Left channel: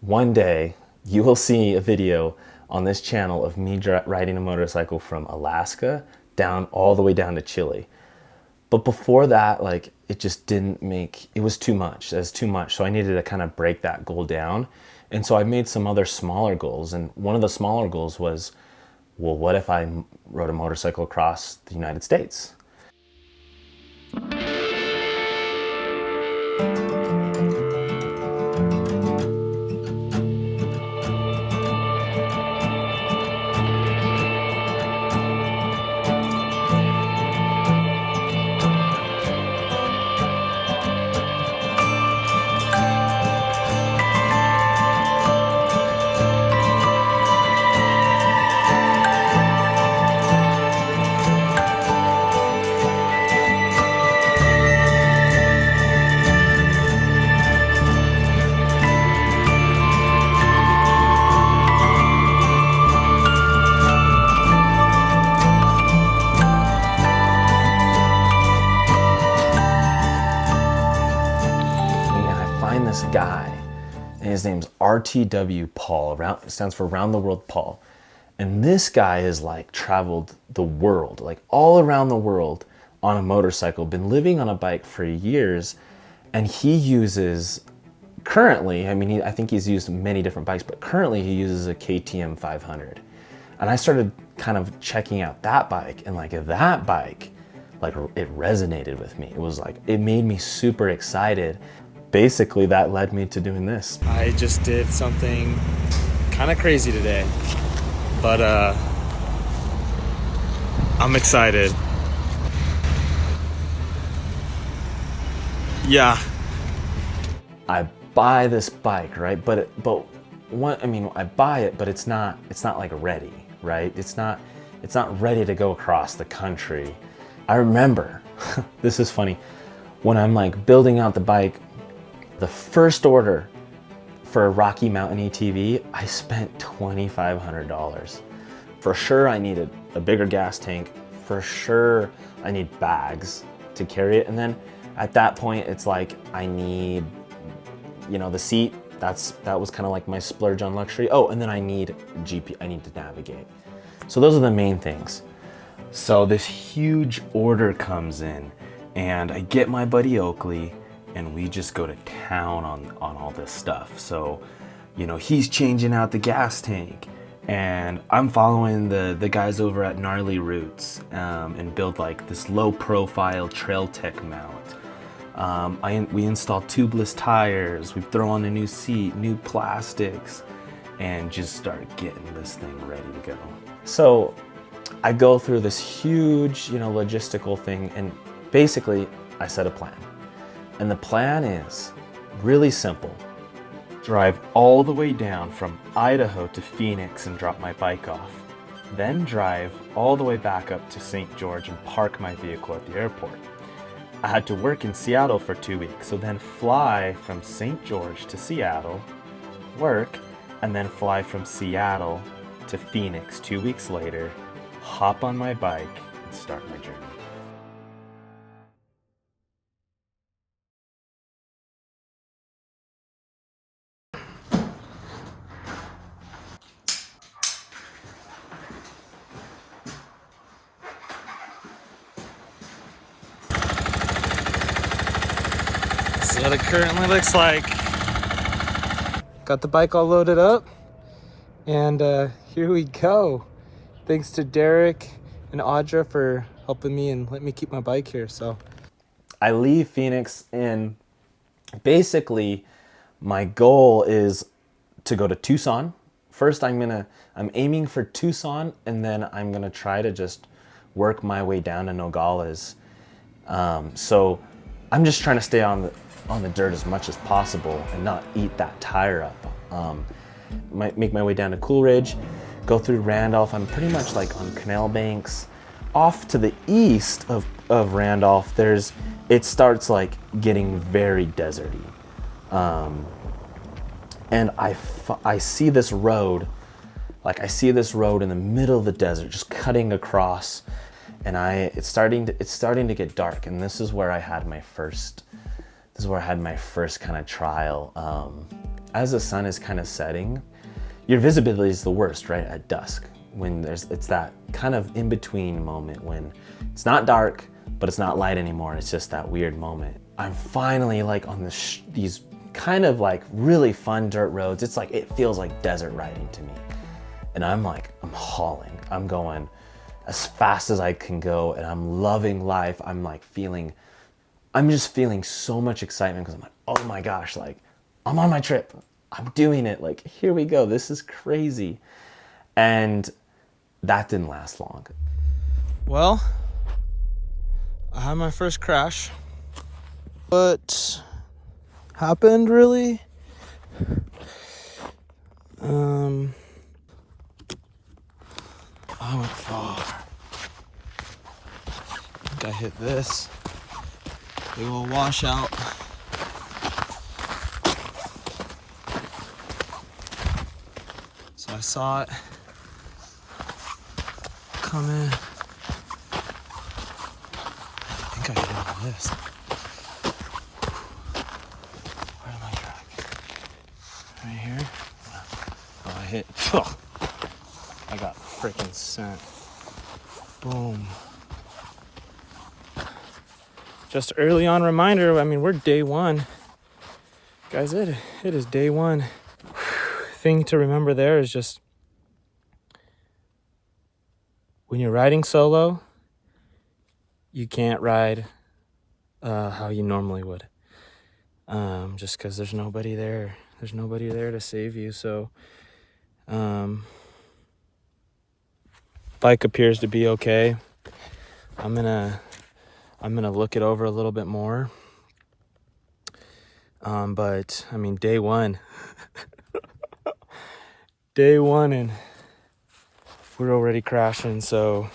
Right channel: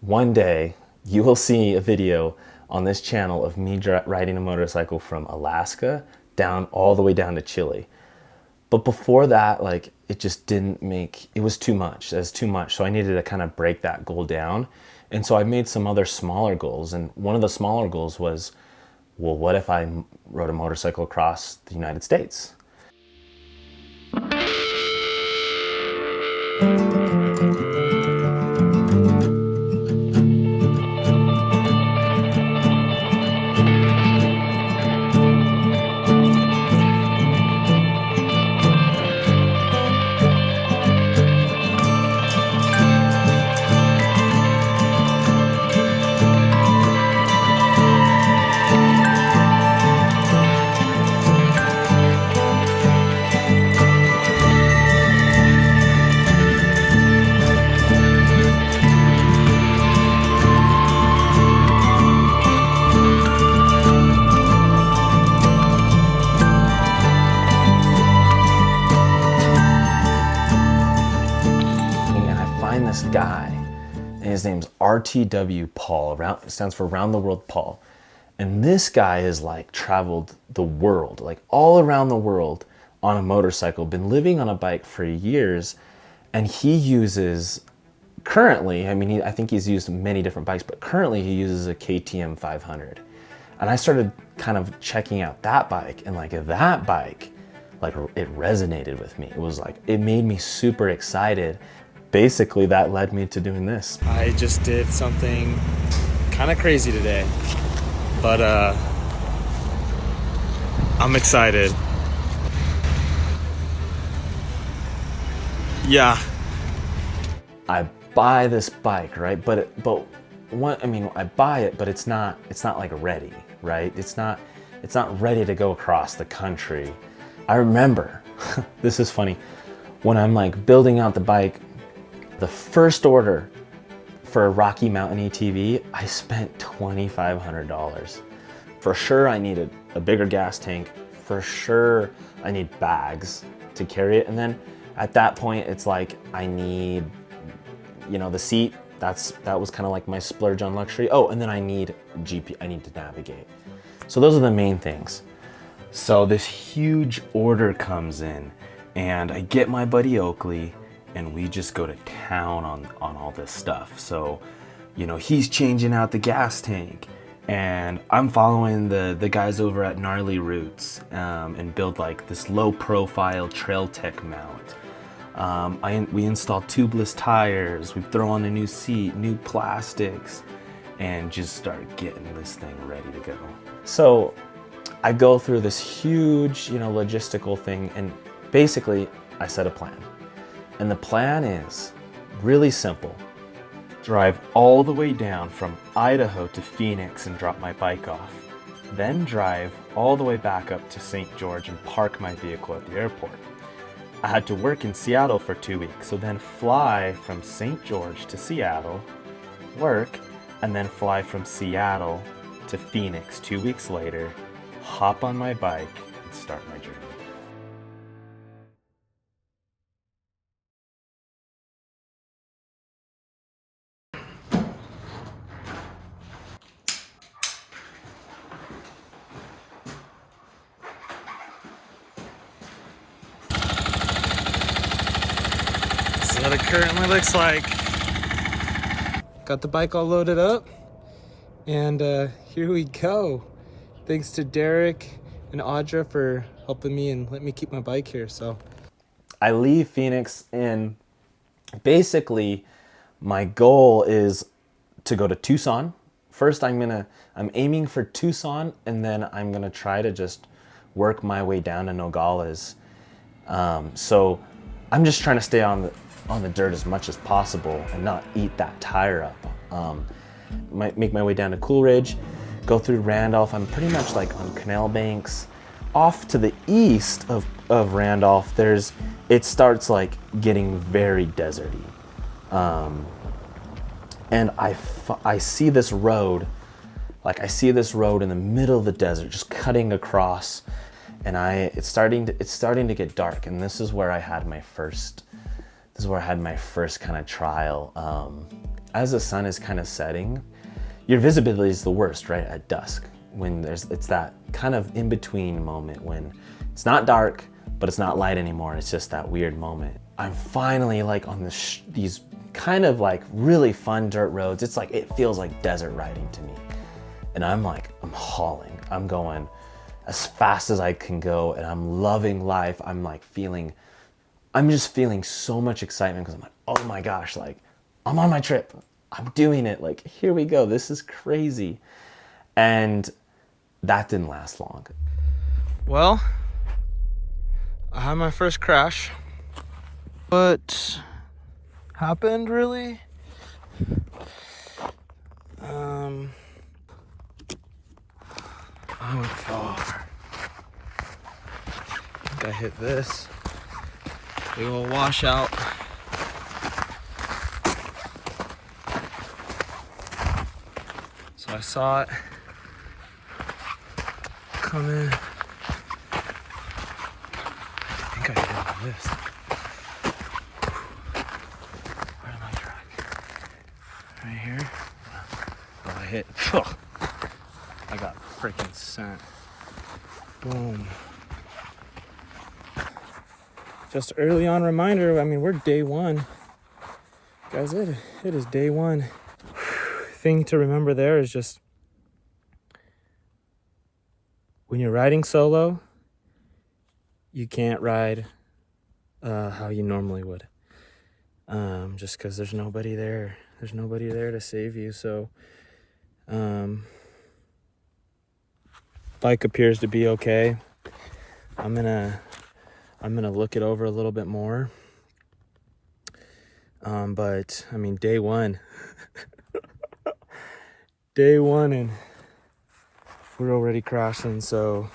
one day you will see a video on this channel of me riding a motorcycle from Alaska down all the way down to Chile. But before that, like, it just didn't make, it was too much. It was too much. So I needed to kind of break that goal down. And so I made some other smaller goals. And one of the smaller goals was, well, what if I rode a motorcycle across the United States? Find this guy, and his name's RTW Paul, stands for Round the World Paul. And this guy has like traveled the world, like all around the world on a motorcycle, been living on a bike for years. And he uses currently, I think he's used many different bikes, but currently he uses a KTM 500. And I started kind of checking out that bike, and like that bike, like it resonated with me. It was like, it made me super excited. Basically, that led me to doing this. I just did something kind of crazy today, but I'm excited. Yeah. I buy this bike, right? But I buy it, but it's not like ready, right? It's not ready to go across the country. I remember, this is funny, when I'm like building out the bike, the first order for a Rocky Mountain ATV, I spent $2,500. For sure I needed a bigger gas tank. For sure I need bags to carry it. And then at that point, it's like, I need, the seat. That was kind of like my splurge on luxury. Oh, and then I need I need to navigate. So those are the main things. So this huge order comes in, and I get my buddy Oakley, and we just go to town on all this stuff. So, he's changing out the gas tank, and I'm following the guys over at Gnarly Roots and build like this low profile Trail Tech mount. We install tubeless tires, we throw on a new seat, new plastics, and just start getting this thing ready to go. So I go through this huge, logistical thing, and basically I set a plan. And the plan is really simple. Drive all the way down from Idaho to Phoenix and drop my bike off. Then drive all the way back up to St. George and park my vehicle at the airport. I had to work in Seattle for 2 weeks, so then fly from St. George to Seattle, work, and then fly from Seattle to Phoenix 2 weeks later, hop on my bike, and start my journey. What it currently looks like. Got the bike all loaded up, and here we go. Thanks to Derek and Audra for helping me and letting me keep my bike here. So I leave Phoenix, and basically my goal is to go to Tucson. First I'm aiming for Tucson, and then I'm gonna try to just work my way down to Nogales. So I'm just trying to stay on the dirt as much as possible and not eat that tire up. Might make my way down to Coolridge, go through Randolph. I'm pretty much like on Canal Banks. Off to the east of Randolph, it starts like getting very deserty. And I see this road, in the middle of the desert, just cutting across, and it's starting to get dark, and this is where I had my first kind of trial. as the sun is kind of setting, your visibility is the worst, right? At dusk, when it's that kind of in-between moment when it's not dark, but it's not light anymore. It's just that weird moment. I'm finally like on these kind of like really fun dirt roads. It's like, it feels like desert riding to me. And I'm hauling. I'm going as fast as I can go, and I'm loving life. I'm just feeling so much excitement because I'm like, oh my gosh, like I'm on my trip. I'm doing it. Like, here we go. This is crazy. And that didn't last long. Well, I had my first crash. What happened really? I went far. I think I hit this. Big old washout. So I saw it coming. I think I hit it on this. Where am I at? Right here? Oh, I hit. I got freaking sent. Boom. Just early on reminder, I mean, we're day one. Guys, it is day one. Thing to remember there is just when you're riding solo, you can't ride how you normally would. Just because there's nobody there. There's nobody there to save you. So bike appears to be okay. I'm gonna look it over a little bit more. But I mean, day one. Day one, and we're already crashing. So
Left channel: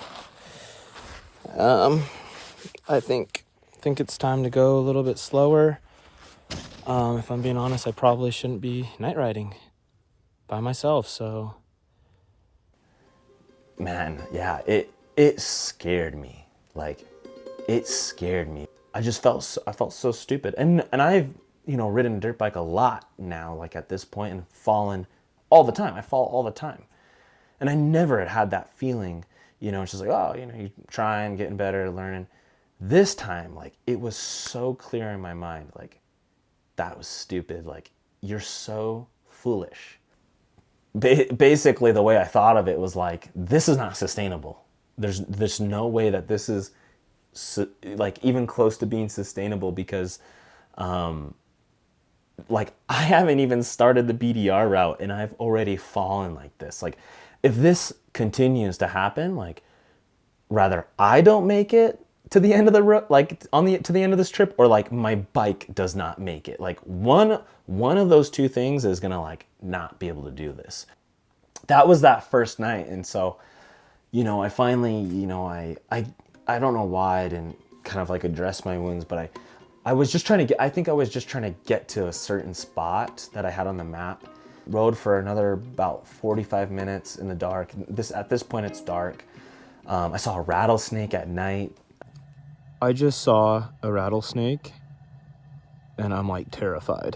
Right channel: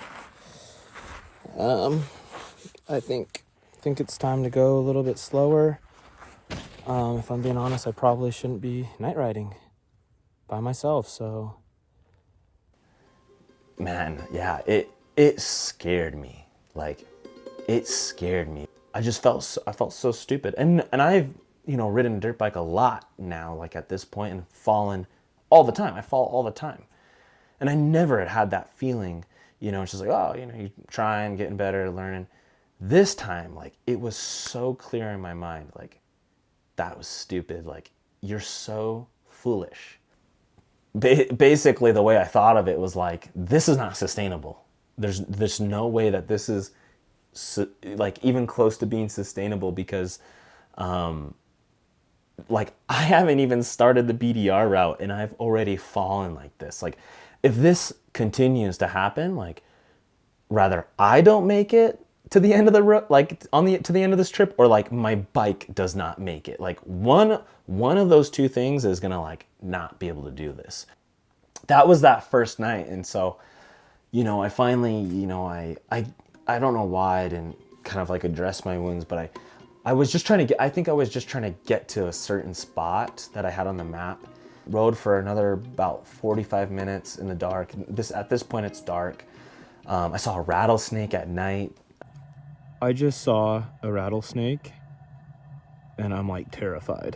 I think it's time to go a little bit slower. If I'm being honest, I probably shouldn't be night riding by myself. So Man, yeah, it scared me. Like, it scared me. I felt so stupid. And I've, ridden a dirt bike a lot now, like at this point, and fallen all the time. I fall all the time. And I never had that feeling, it's just like, oh, you trying, getting better, learning. This time, like, it was so clear in my mind, like, that was stupid. Like, you're so foolish. Basically, the way I thought of it was like, this is not sustainable. There's no way that this is like even close to being sustainable, because like, I haven't even started the BDR route and I've already fallen like this. Like, if this continues to happen, like, rather I don't make it to the end of the road, like to the end of this trip, or like my bike does not make it. Like, one of those two things is gonna like not be able to do this. That was that first night. And so, I finally, I don't know why I didn't kind of like address my wounds, but I was just trying to get to a certain spot that I had on the map. Rode for another about 45 minutes in the dark. At this point, it's dark. I saw a rattlesnake at night. I just saw a rattlesnake and I'm like terrified.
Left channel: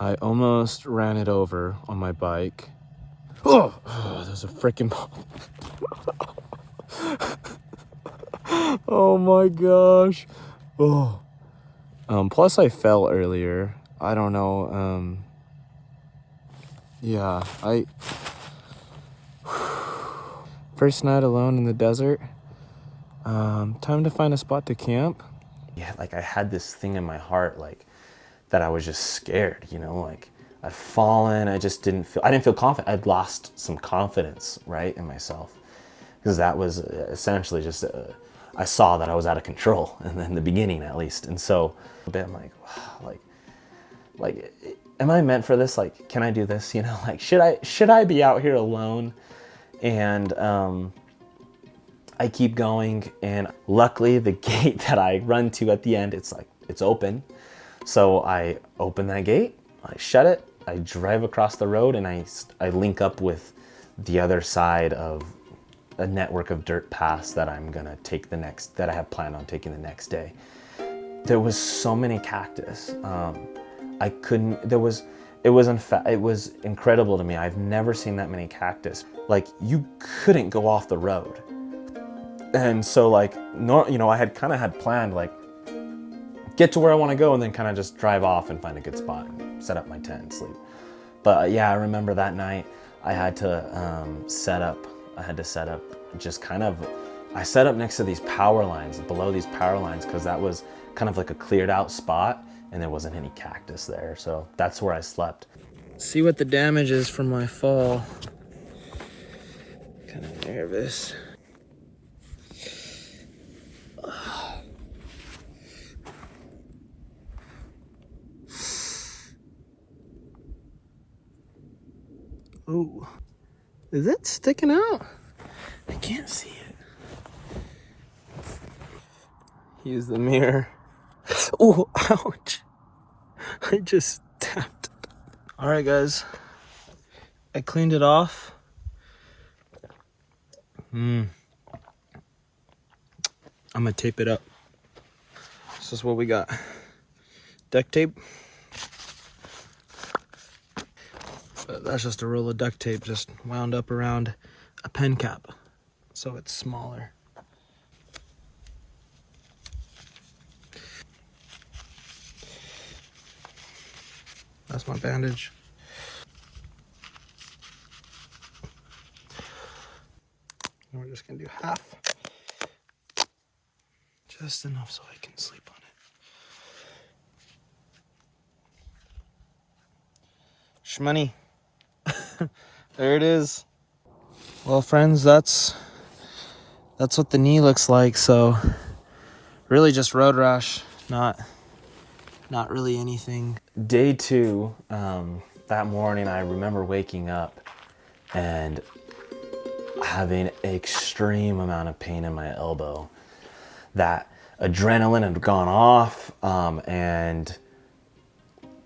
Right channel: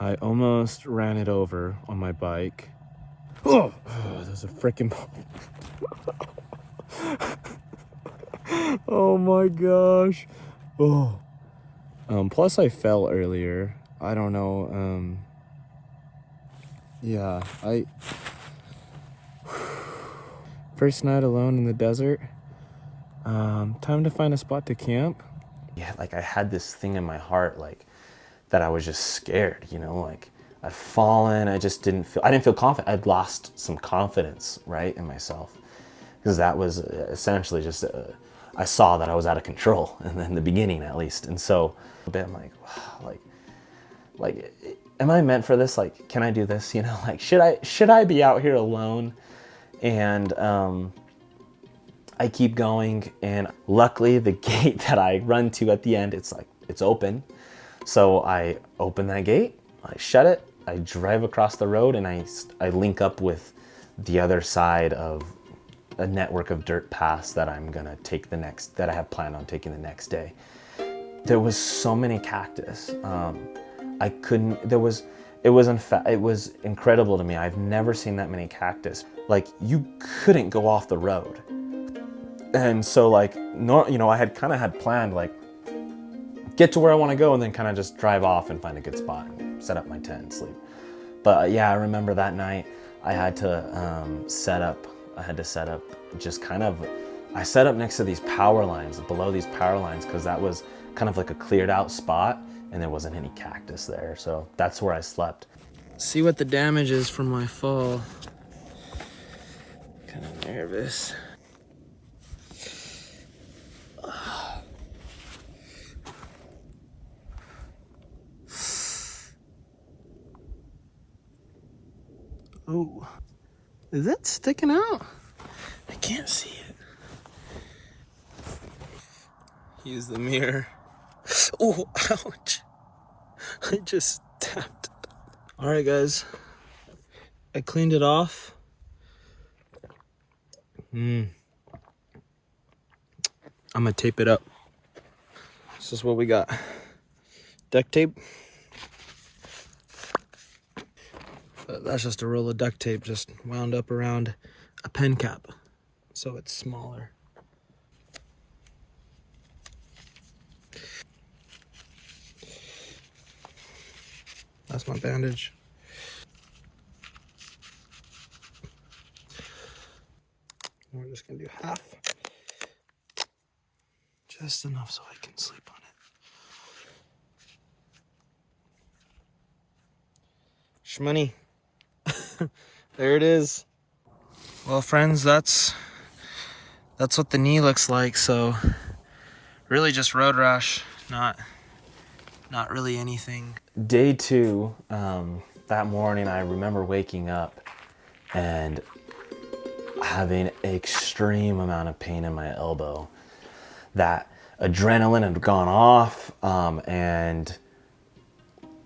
I almost ran it over on my bike. Oh, there's a freaking oh my gosh. Oh. Plus I fell earlier. I don't know. Yeah, first night alone in the desert. Time to find a spot to camp. Yeah, like, I had this thing in my heart, like, that I was just scared, like, I'd fallen. I didn't feel confident. I'd lost some confidence, right, in myself, because that was essentially just I saw that I was out of control in the beginning, at least. And so a bit, I'm like, wow, like, am I meant for this? Like, can I do this? Like, should I be out here alone? And I keep going, and luckily the gate that I run to at the end, it's open. So I open that gate, I shut it, I drive across the road, and I link up with the other side of a network of dirt paths that I'm gonna take that I have planned on taking the next day. There was so many cactus. It was it was incredible to me. I've never seen that many cactus. Like, you couldn't go off the road. And so like, no, you know, I had kind of had planned like get to where I want to go and then kind of just drive off and find a good spot and set up my tent and sleep. But yeah, I remember that night I had to set up just kind of, I set up next to these power lines, below these power lines, because that was kind of like a cleared out spot and there wasn't any cactus there. So that's where I slept. See what the damage is from my fall. Kind of nervous. Ooh, is it sticking out? I can't see it. Use the mirror. Oh, ouch. I just tapped. All right, guys. I cleaned it off. I'm gonna tape it up. This is what we got. Duct tape. But that's just a roll of duct tape just wound up around a pen cap, so it's smaller. That's my bandage. And we're just gonna do half. Just enough so I can sleep on it. Shmoney. There it is. Well, friends, that's what the knee looks like. So really just road rash, not really anything. Day two, that morning, I remember waking up and having an extreme amount of pain in my elbow. That adrenaline had gone off, and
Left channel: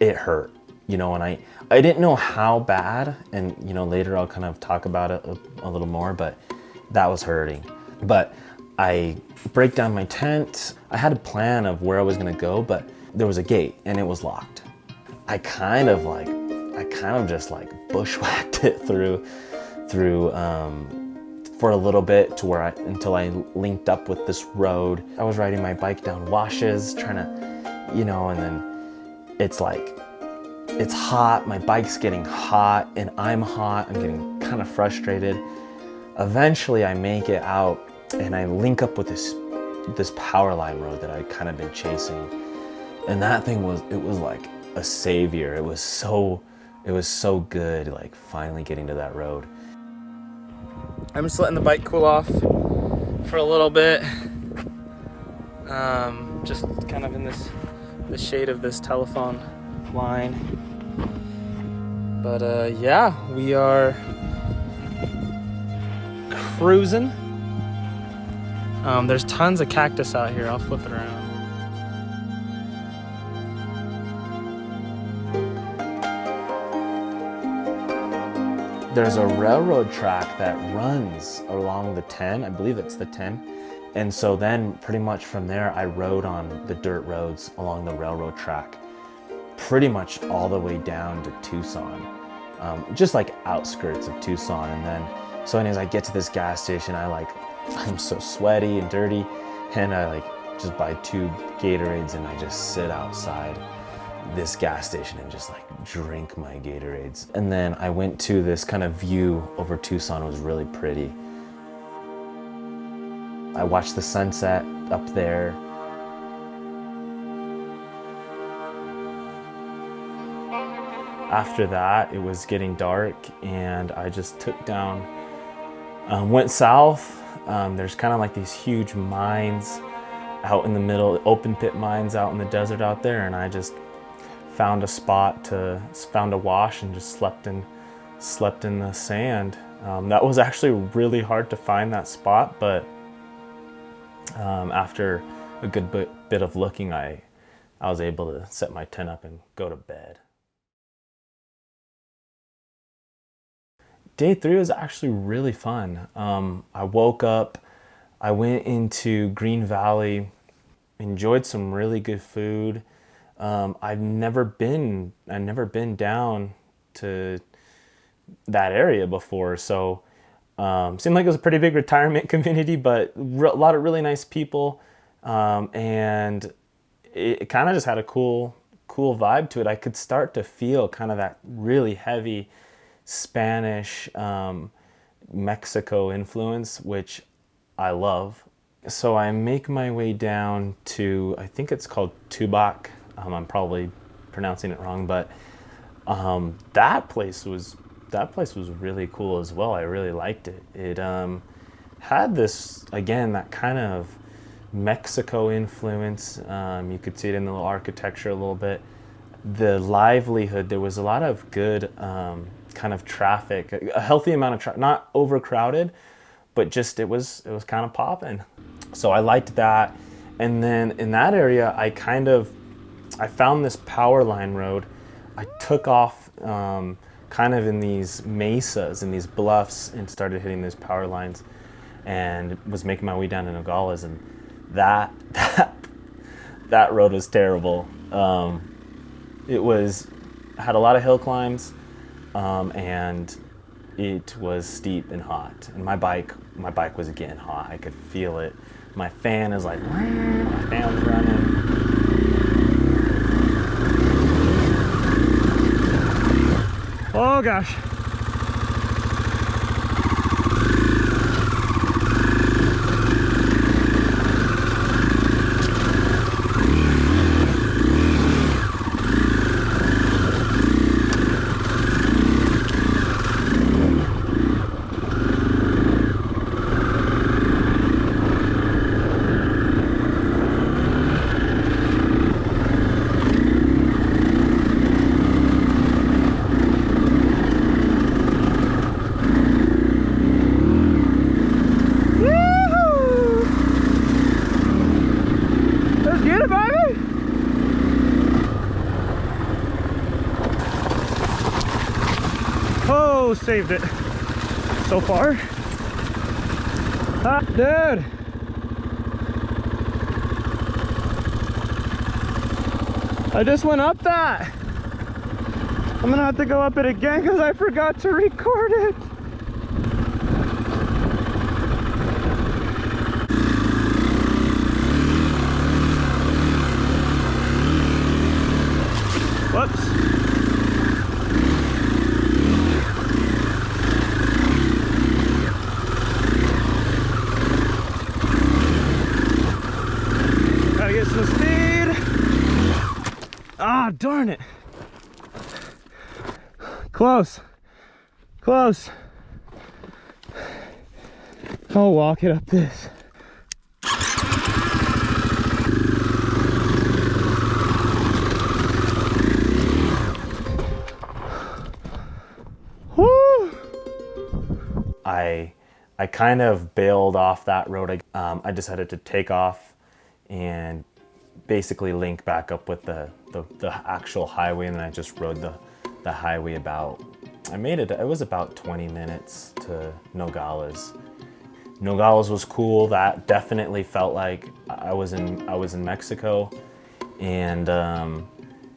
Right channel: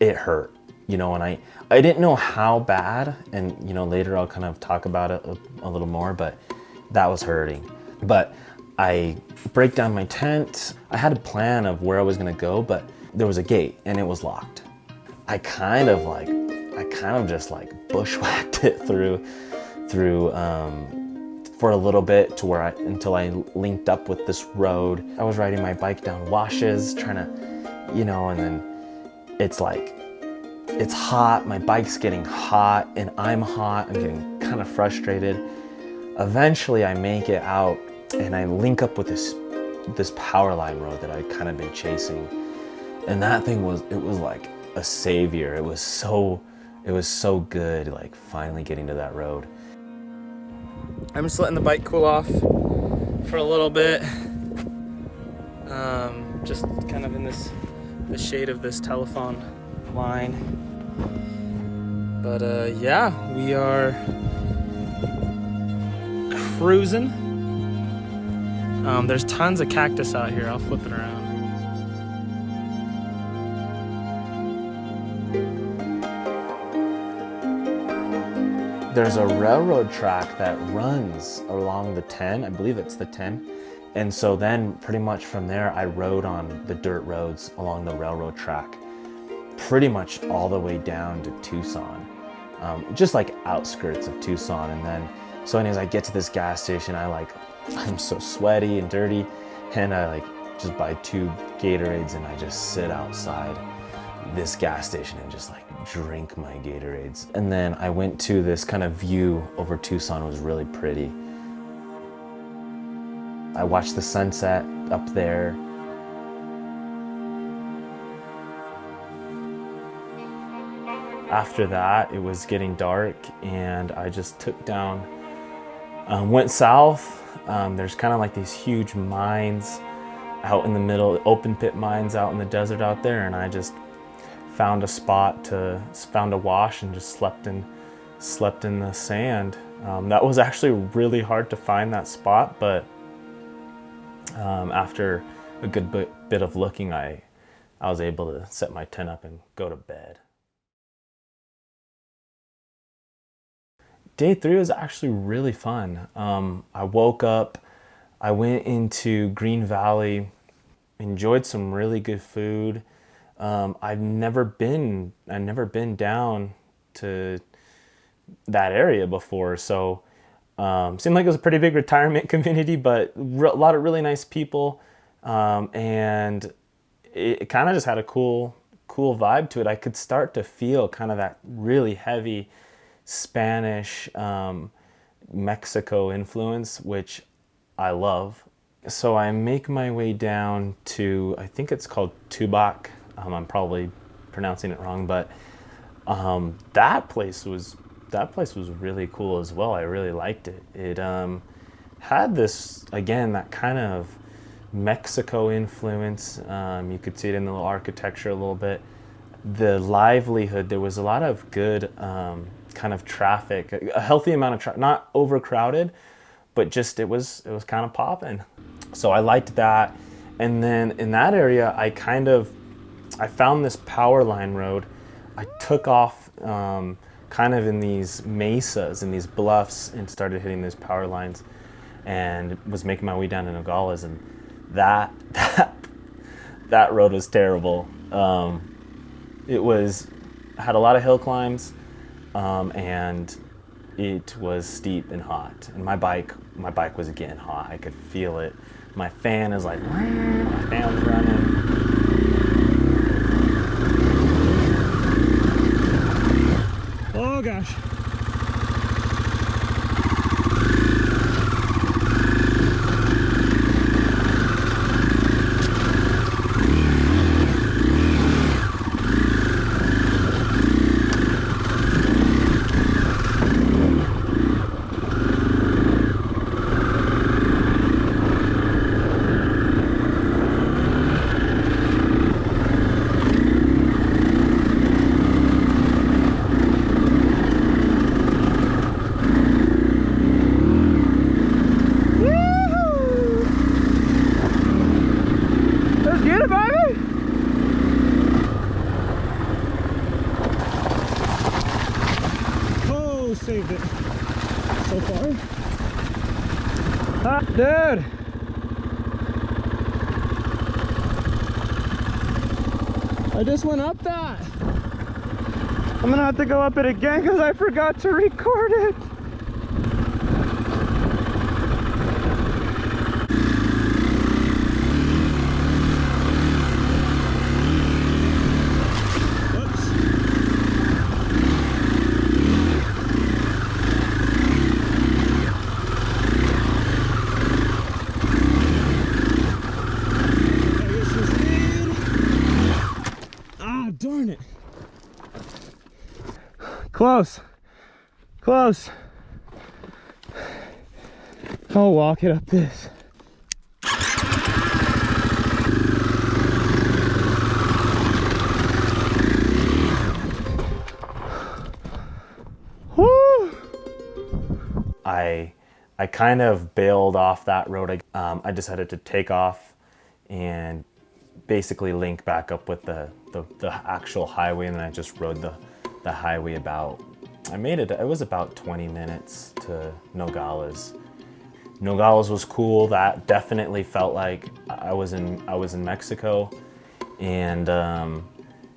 it hurt, you know, and I didn't know how bad, and you know, later I'll kind of talk about it a little more, but that was hurting. But I break down my tent. I had a plan of where I was gonna go, but there was a gate and it was locked. I kind of just like bushwhacked it through for a little bit to where until I linked up with this road. I was riding my bike down washes, trying to, you know, and then it's like, it's hot, my bike's getting hot and I'm hot, I'm getting kind of frustrated. Eventually I make it out and I link up with this power line road that I'd kind of been chasing. And that thing was like a savior. It was so good, like finally getting to that road. I'm just letting the bike cool off for a little bit. Just kind of in the shade of this telephone line. But yeah, we are cruising. There's tons of cactus out here. I'll flip it around. There's a railroad track that runs along the 10, I believe it's the 10. And so then pretty much from there, I rode on the dirt roads along the railroad track, pretty much all the way down to Tucson, just like outskirts of Tucson. And then, so anyways, I get to this gas station, I'm so sweaty and dirty, and I just buy 2 Gatorades and I just sit outside this gas station and just drink my Gatorades. And then I went to this kind of view over Tucson. It was really pretty. I watched the sunset up there. After that, it was getting dark and I just took down, went south. There's kind of like these huge mines out in the middle, open pit mines out in the desert out there, and I just found a wash and just slept in the sand. That was actually really hard to find that spot, but after a good bit of looking, I was able to set my tent up and go to bed. Day 3 was actually really fun. I woke up, I went into Green Valley, enjoyed some really good food. I've never been down to that area before, so seemed like it was a pretty big retirement community, but a lot of really nice people, and it kind of just had a cool vibe to it. I could start to feel kind of that really heavy Spanish, Mexico influence, which I love. So I make my way down to, I think it's called Tubac. I'm probably pronouncing it wrong, but that place was really cool as well. I really liked it. It had this, again, that kind of Mexico influence. You could see it in the little architecture a little bit. The livelihood, there was a lot of good kind of traffic, a healthy amount of traffic, not overcrowded, but just it was kind of popping. So I liked that. And then in that area, I found this power line road. I took off kind of in these mesas and these bluffs and started hitting those power lines, and was making my way down to Nogales, and that road was terrible. It had a lot of hill climbs, and it was steep and hot. And my bike was getting hot. I could feel it. My fan is like, my fan's running. Oh gosh. Saved it so far. Dude, I just went up that. I'm gonna have to go up it again because I forgot to record it. Darn it. Close. I'll walk it up this. Woo! I kind of bailed off that road. I decided to take off and basically link back up with the actual highway, and then I just rode the highway about, it was about 20 minutes to Nogales. Nogales was cool. That definitely felt like I was in Mexico, and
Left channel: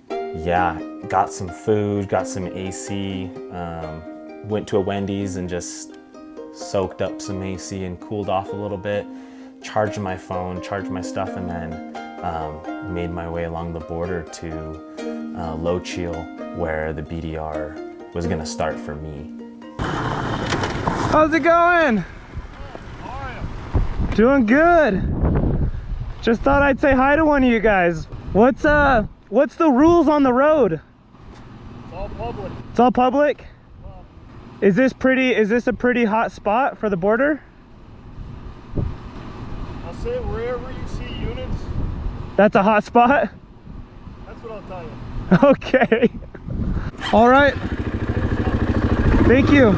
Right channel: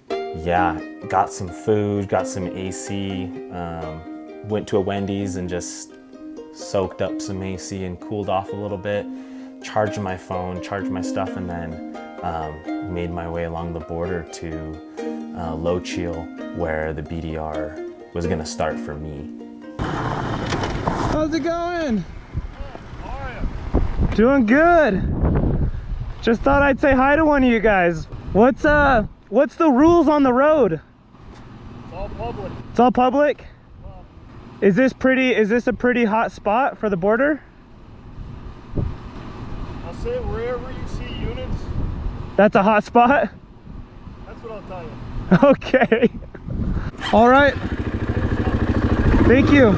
yeah, got some food, got some AC, went to a Wendy's and just soaked up some AC and cooled off a little bit, charged my phone, charged my stuff, and then made my way along the border to Lochiel, where the BDR was gonna start for me. How's it going? How are you? Doing good. Just thought I'd say hi to one of you guys. What's the rules on the road? It's all public. It's all public? Is this a pretty hot spot for the border? I'll say wherever you see units, that's a hot spot? that's what I'll tell you. Okay. All right. Thank you.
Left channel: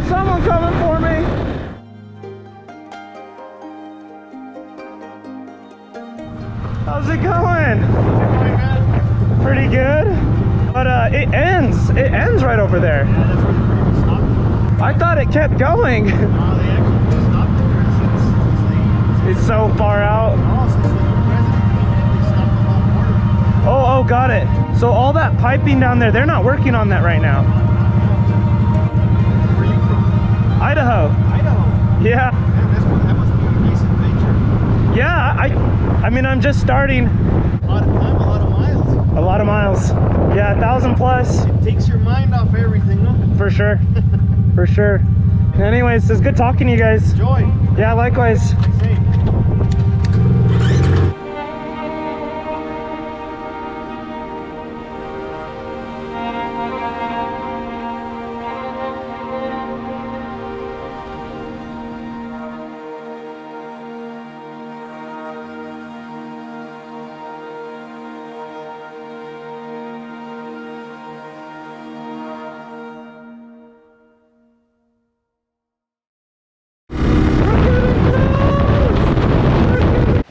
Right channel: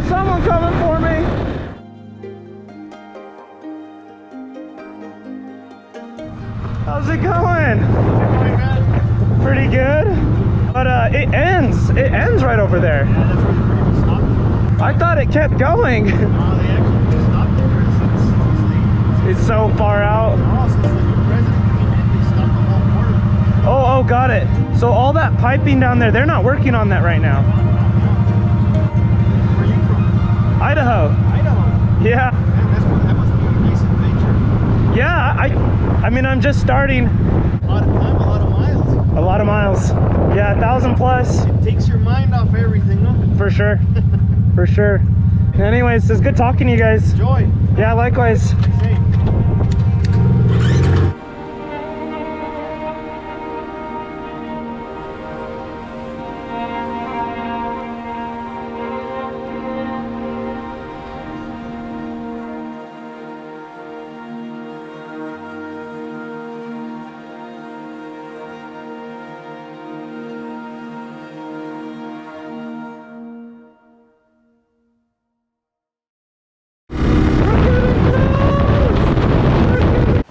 got someone coming for me. How's it going? Pretty good. But it ends right over there. Yeah, that's where they pretty much stopped. I thought it kept going. They actually stopped there since It's so far out. since the new president came in, they stopped the whole border. Oh, got it. So all that piping down there, they're not working on that right now. Where are you from? Idaho. Idaho. Yeah. Man, that must be a nice adventure. Yeah, I mean, I'm just starting. A lot of time, a lot of miles. A lot of miles. Yeah, 1,000 plus. It takes your mind off everything, no? For sure. For sure. Anyways, it's good talking to you guys. Enjoy. Yeah, likewise. Same.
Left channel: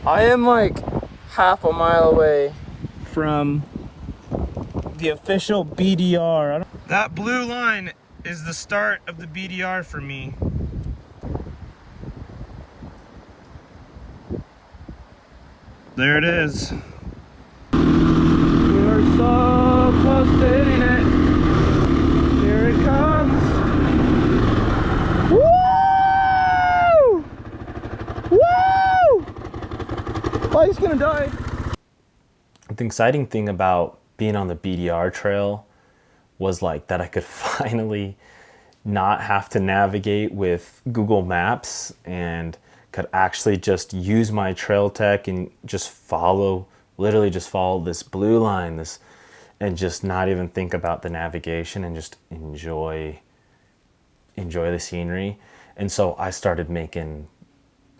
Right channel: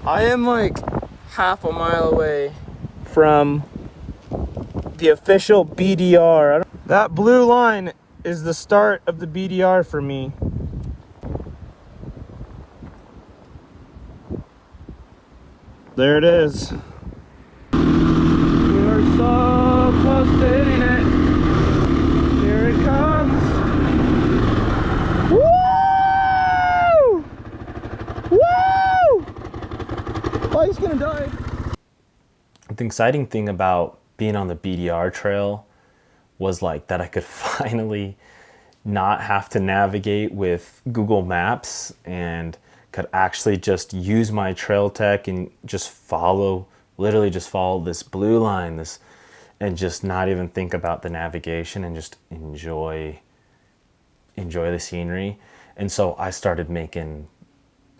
I am like half a mile away from the official BDR. That blue line is the start of the BDR for me. There it is. We are so close to hitting it. Here it comes. Woo! Woo! Oh, he's gonna die. The exciting thing about being on the BDR trail was like that I could finally not have to navigate with Google Maps and could actually just use my trail tech and just literally just follow this blue line, and just not even think about the navigation and just enjoy the scenery. And so I started making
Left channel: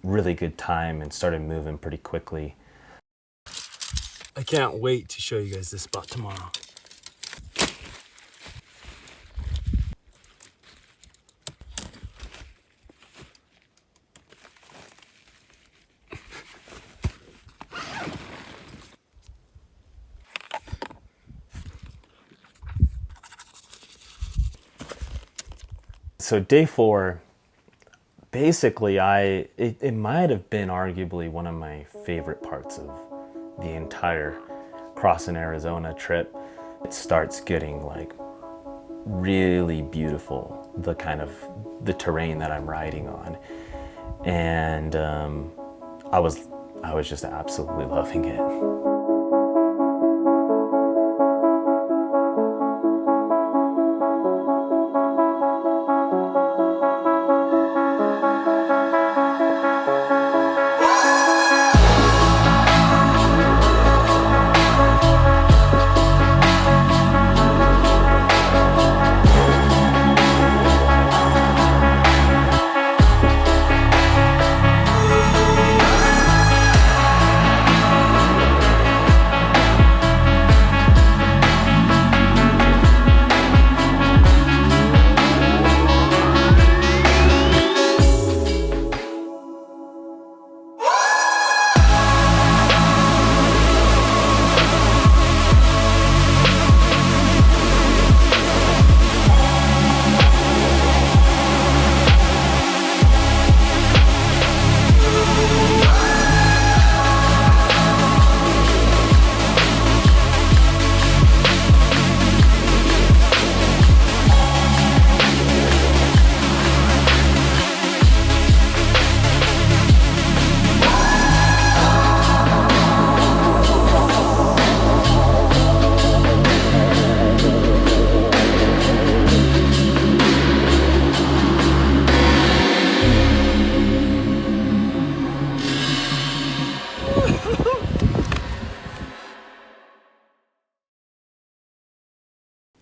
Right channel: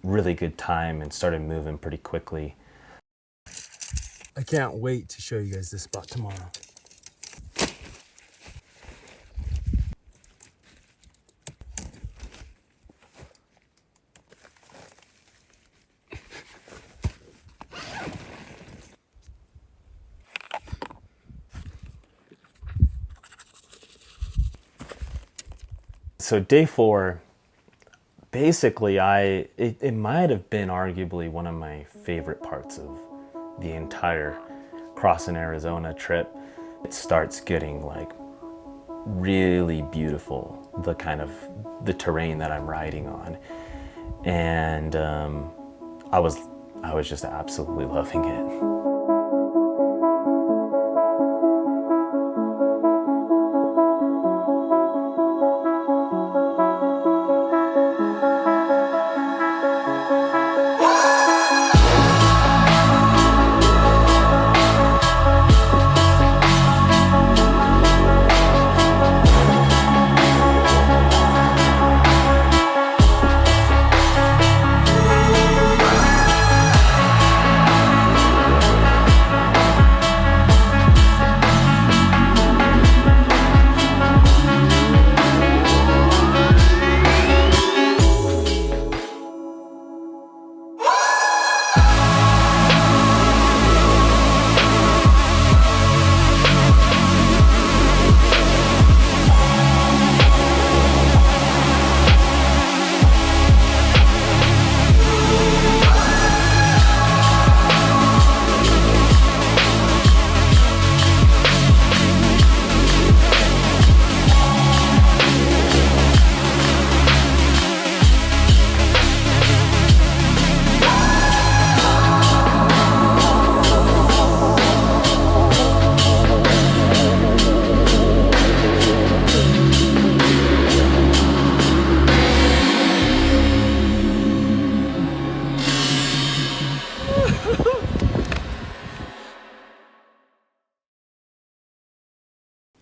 really good time and started moving pretty quickly. I can't wait to show you guys this spot tomorrow. So day 4, basically it might have been arguably one of my favorite parts of the entire crossing Arizona trip. It starts getting like really beautiful, the terrain that I'm riding on, and I was just absolutely loving it.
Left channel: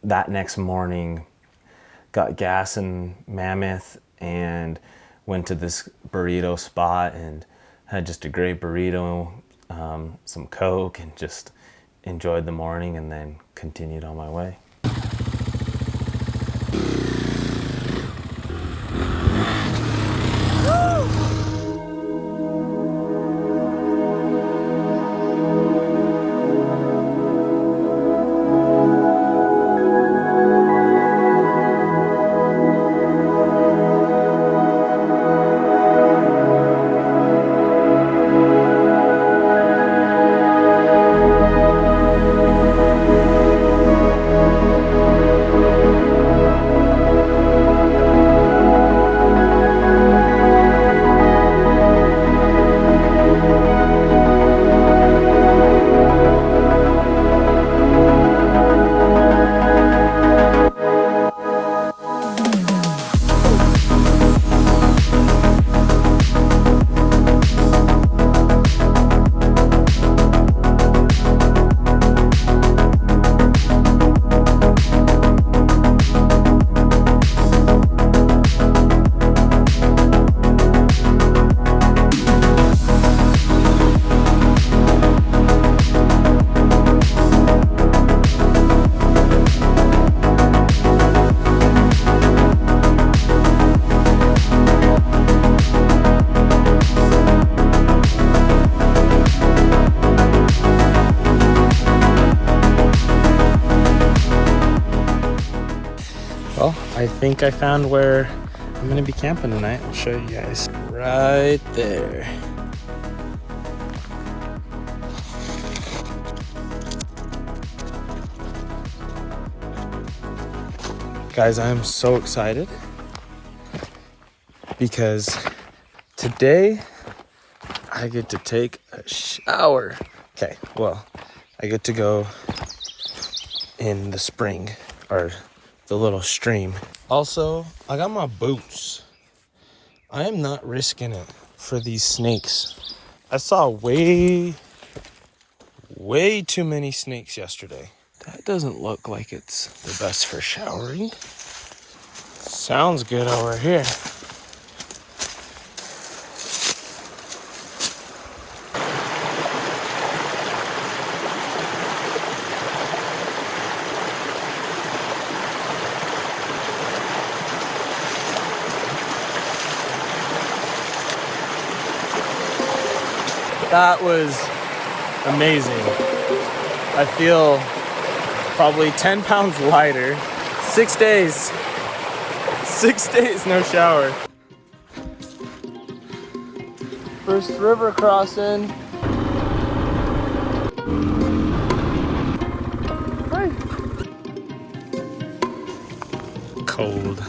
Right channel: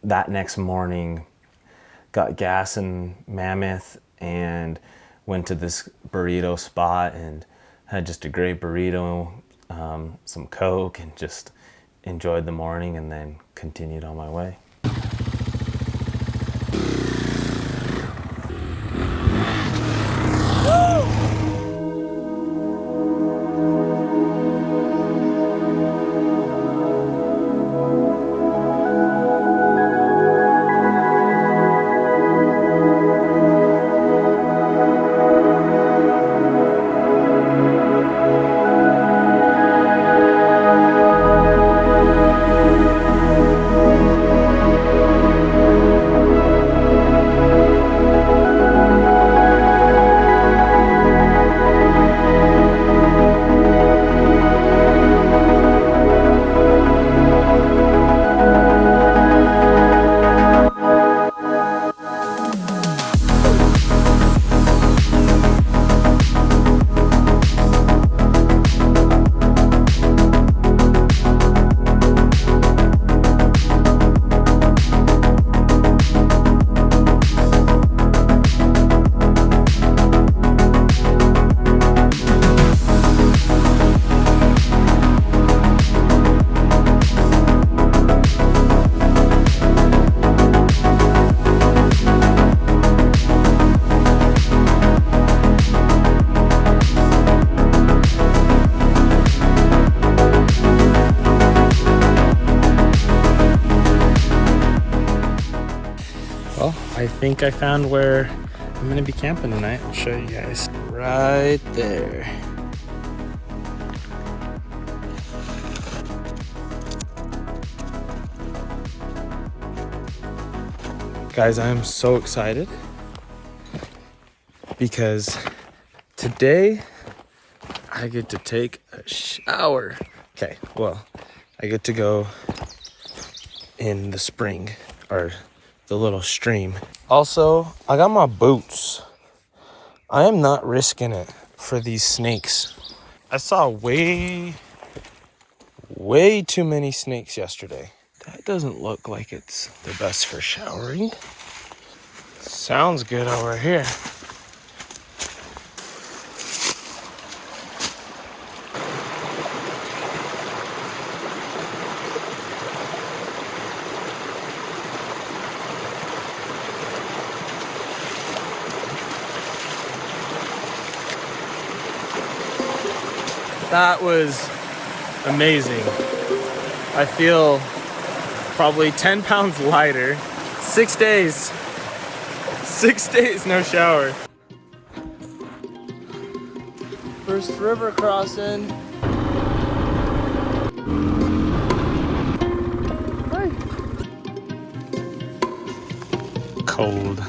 That next morning, got gas in Mammoth and went to this burrito spot and had just a great burrito, some Coke, and just enjoyed the morning and then continued on my way. Well, I think I found where I'm gonna be camping tonight. I'll show you guys. Right there. Guys, I'm so excited because today I get to take a shower. Okay, well, I get to go in the spring or the little stream. Also, I got my boots. I am not risking it for these snakes. I saw way too many snakes yesterday. That doesn't look like it's the best for showering. Sounds good over here. That was amazing. I feel probably 10 pounds lighter. 6 days. 6 days, no shower. First river crossing. Hi. Cold.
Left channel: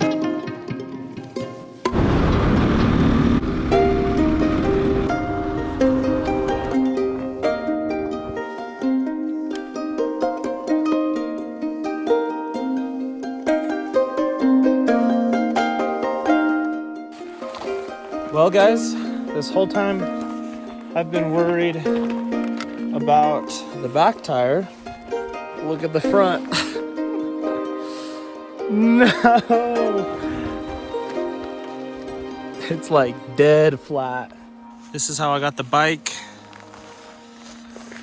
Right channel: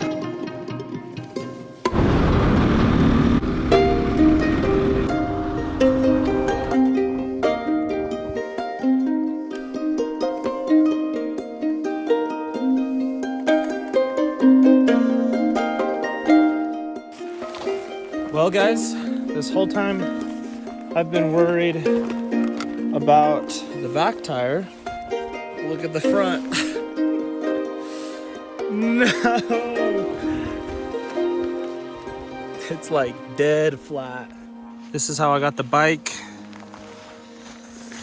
Well, guys, this whole time I've been worried about the back tire. Look at the front. No! It's like dead flat. This is how I got the bike.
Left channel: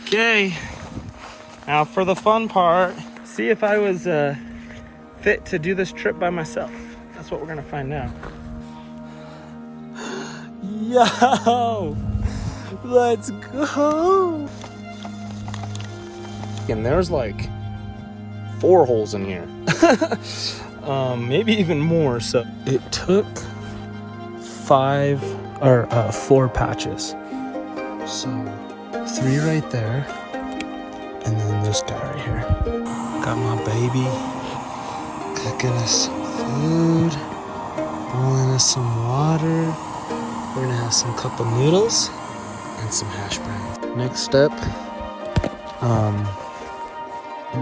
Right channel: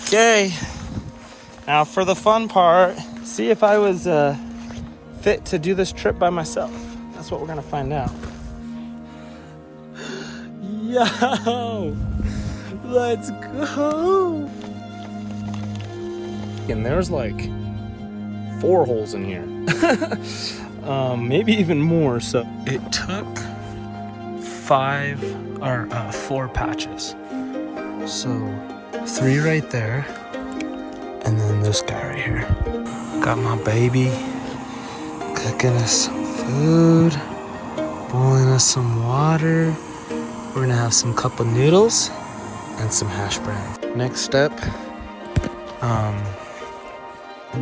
Okay, now for the fun part. See if I was fit to do this trip by myself. That's what we're gonna find out. Yo, let's go. And there's like 4 holes in here. Maybe even more. So it took 4 patches. So 3 right there. And then this guy right here. Got my baby cooking us some food, boiling us some water. We're gonna have some cup of noodles and some hash browns. Next step,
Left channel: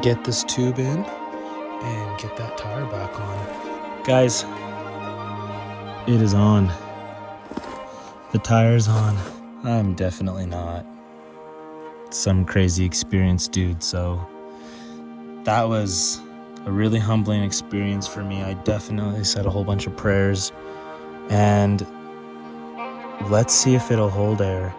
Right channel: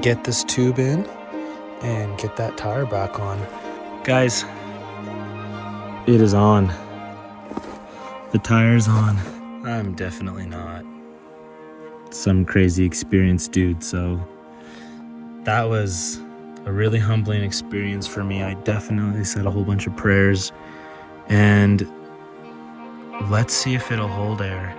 get this tube in and get that tire back on. Guys, it is on. The tire's on. I'm definitely not some crazy experienced dude, so that was a really humbling experience for me. I definitely said a whole bunch of prayers, and let's see if it'll hold air.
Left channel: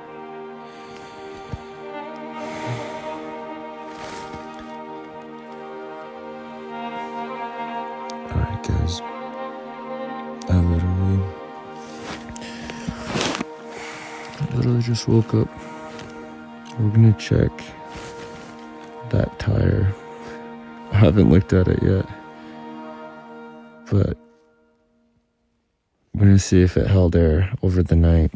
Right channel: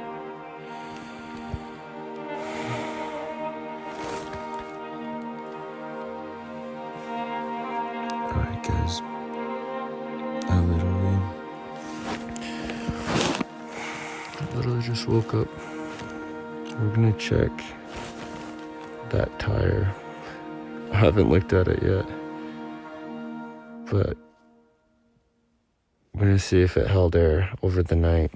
Alright guys, I literally just woke up. We're gonna check that tire. I haven't looked at it yet, but I'm gonna see if it held air over the night.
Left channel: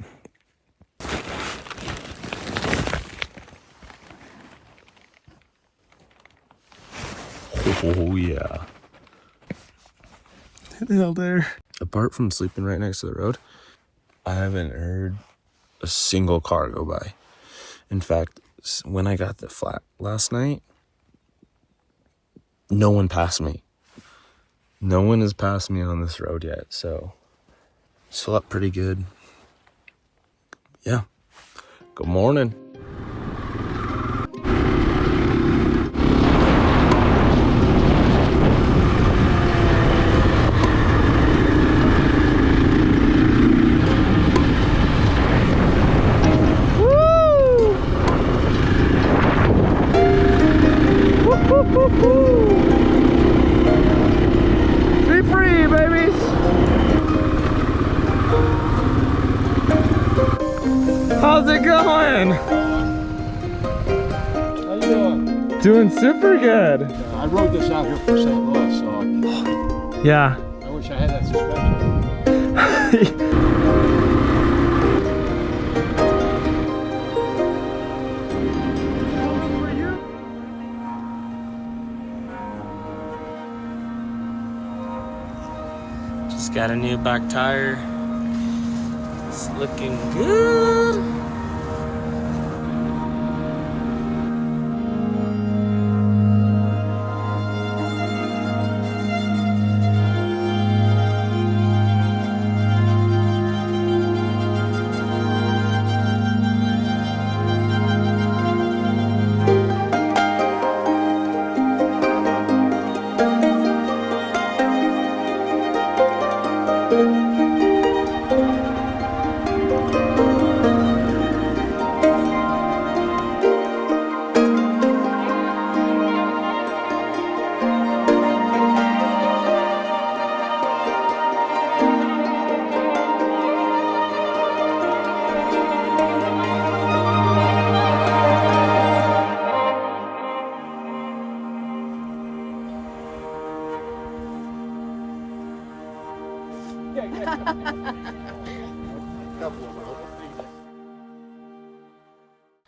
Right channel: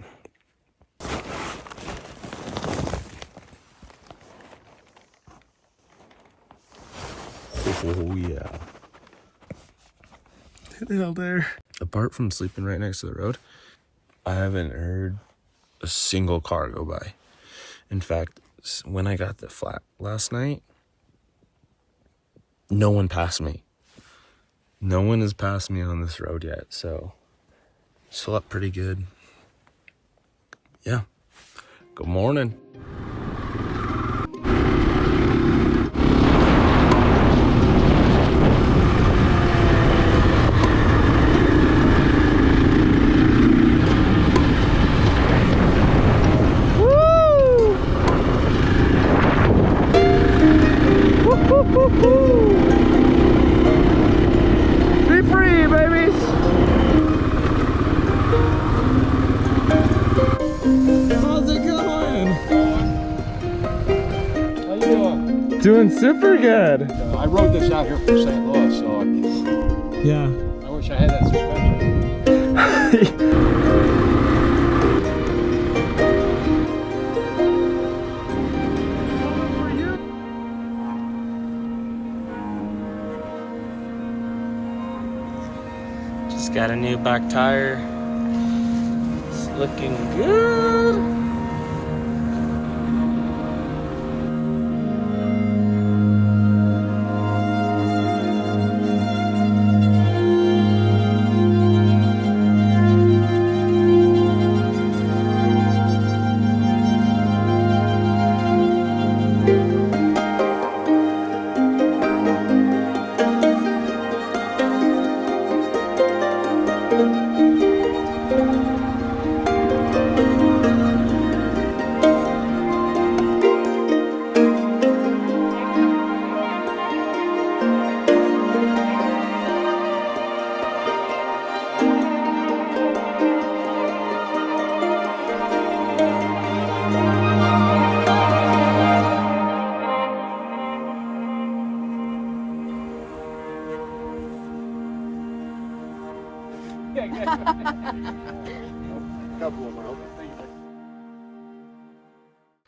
Oh yeah. It held air. Apart from sleeping right next to the road, I haven't heard a single car go by. In fact, when I got the flat last night, no one passed me. No one has passed me on this road yet, so slept pretty good. Yeah. Good morning. Be free, babies! How's it going? How you doing? Doing super good. I rode this out here from St. Louis, so Yeah. I wish I had that suspension. Just got a new back tire. It's looking good.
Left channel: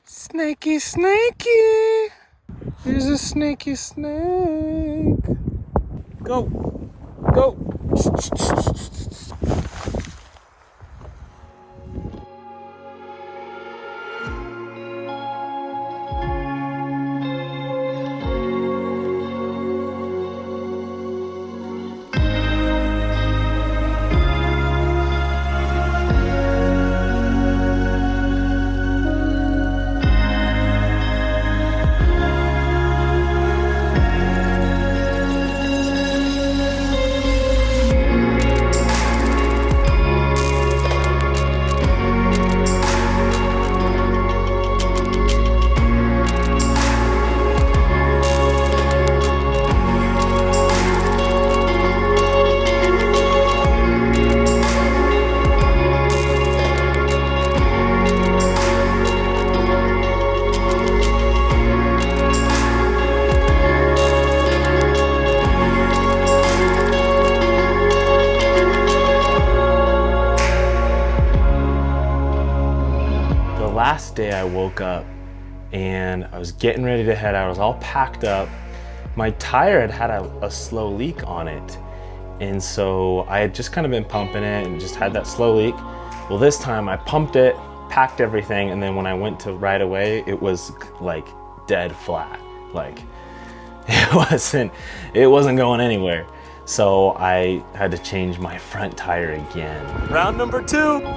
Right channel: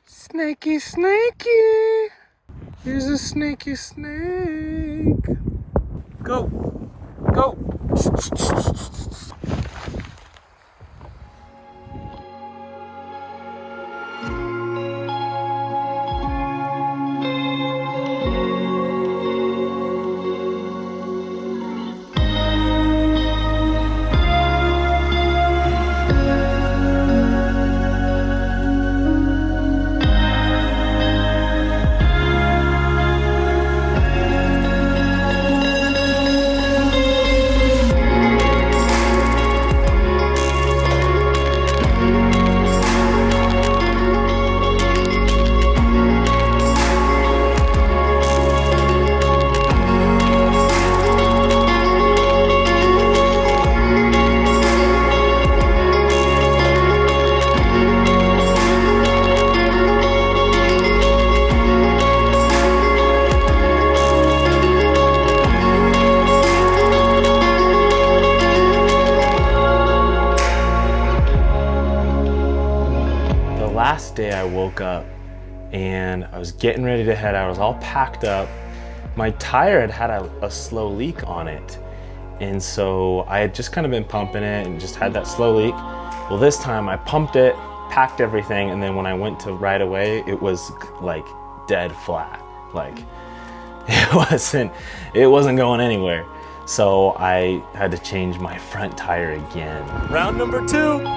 Snakey, snakey. Here's a snaky snake. Go, go. Last day I woke up and I was getting ready to head out. I was all packed up. My tire had a slow leak on it. And so I had just kind of been pumping it and just had that slow leak. Well, this time I pumped it, packed everything, and then when I went to ride away, it was like dead flat. Like it wasn't going anywhere. So I had to change my front tire again. Round number 2.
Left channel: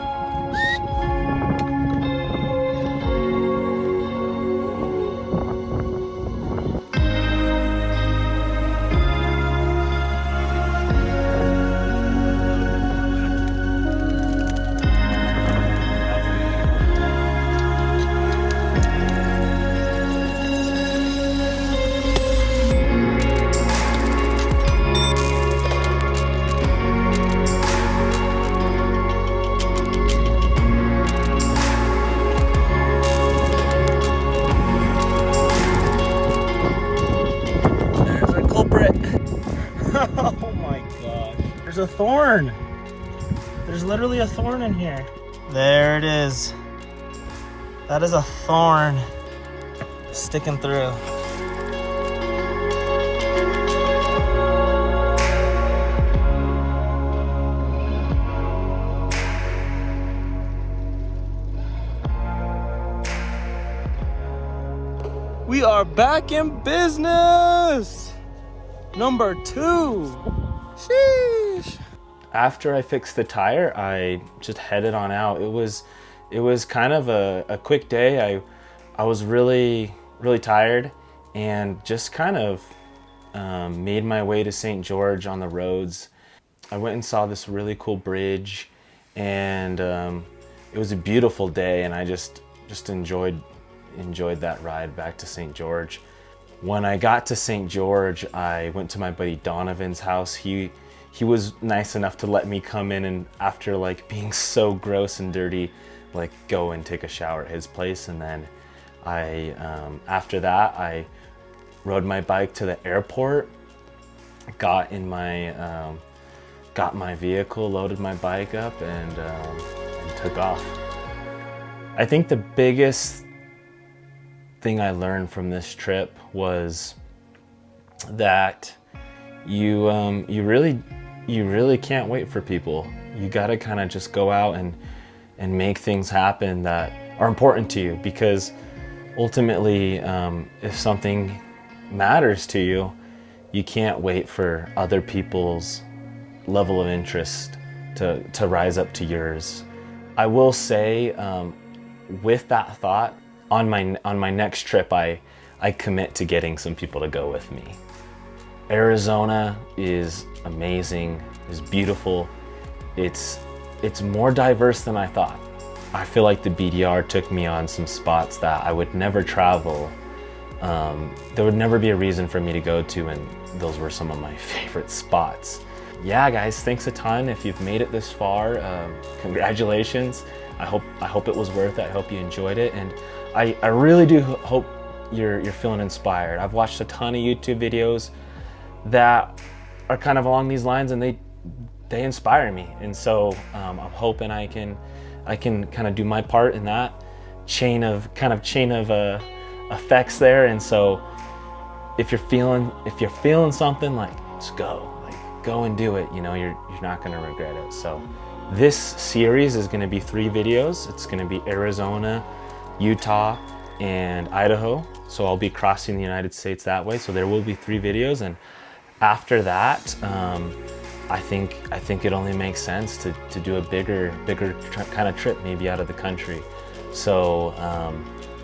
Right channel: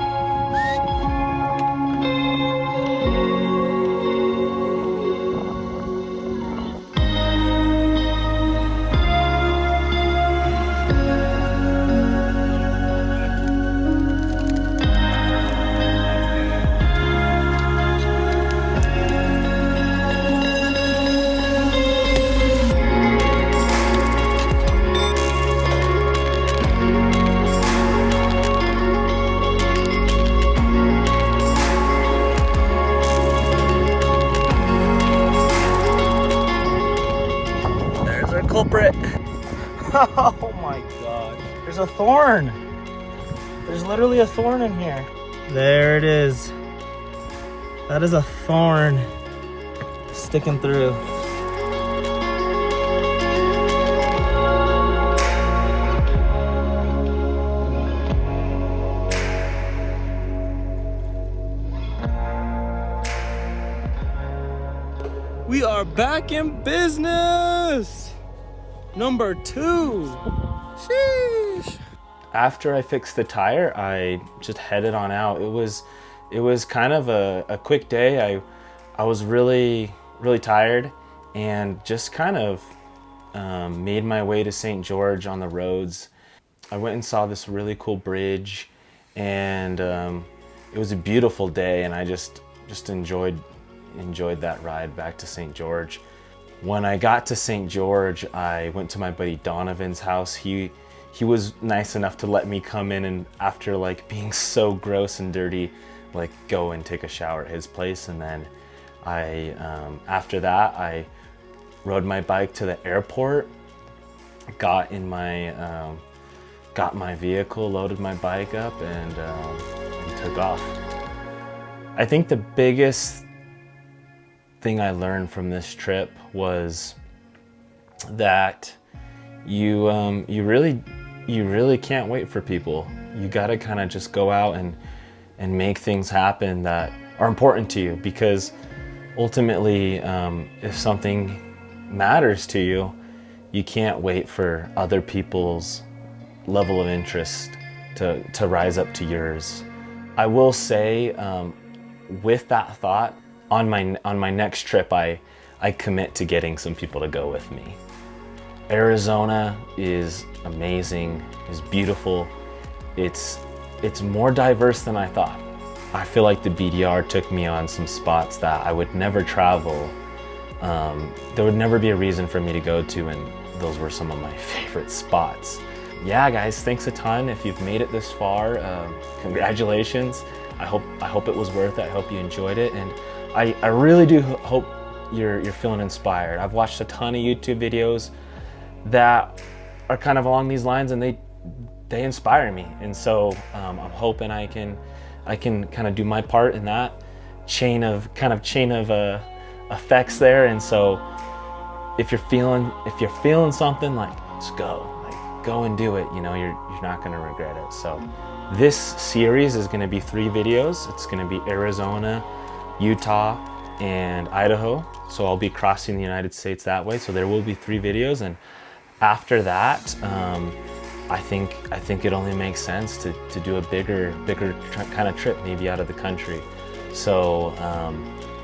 Culprit. Oh my gosh. There's a thorn. There's literally a thorn in here. There it is. That is a thorn sticking through. We are back in business. Number 2. Sheesh. After I fixed the tire, I just headed on out. It was kind of a quick day. I was really tired and just kind of made my way to St. George on the roads. I went and saw this really cool bridge, and it was a beautiful day, and I just enjoyed that ride back to St. George. When I got to St. George, I went to my buddy Donovan's house. He was nice enough to let me come in, and after like being so gross and dirty, like go and take a shower at his place. And then after that, I rode my bike to the airport, got in my got my vehicle, loaded my bike up, and took off. I think the biggest thing I learned from this trip was that you really can't wait for people. You gotta kind of just go out and make things happen that are important to you, because ultimately, if something matters to you, you can't wait for other people's level of interest to rise up to yours. I will say, with that thought, on my next trip, I commit to getting some people to go with me. Arizona is amazing, is beautiful. It's more diverse than I thought. I feel like the BDR took me on some spots that I would never travel. There would never be a reason for me to go to, and those were some of my favorite spots. Yeah, guys, thanks a ton. If you've made it this far, congratulations. I hope it was worth it. I hope you enjoyed it, and I really do hope you're feeling inspired. I've watched a ton of YouTube videos that are kind of along these lines, and they inspire me, and so I'm hoping I can kind of do my part in that chain of effects there. And so if you're feeling something, like, just go and do it. You know, you're not going to regret it. So this series is going to be 3 videos. It's going to be Arizona, Utah, and Idaho. So I'll be crossing the United States that way. So there will be 3 videos, and after that, I think it only makes sense to do a bigger kind of trip, maybe out of the country. So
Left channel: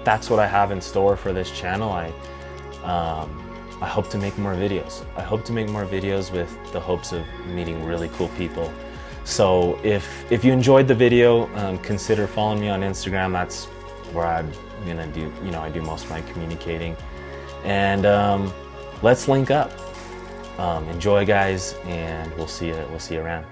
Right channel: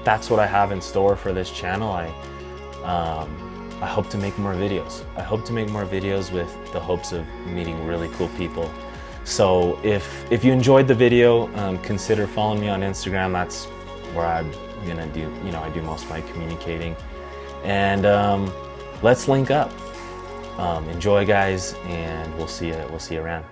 that's what I have in store for this channel. I hope to make more videos. I hope to make more videos with the hopes of meeting really cool people. So if you enjoyed the video, consider following me on Instagram. That's where I'm gonna do, I do most of my communicating. And let's link up. Enjoy, guys, and we'll see you around.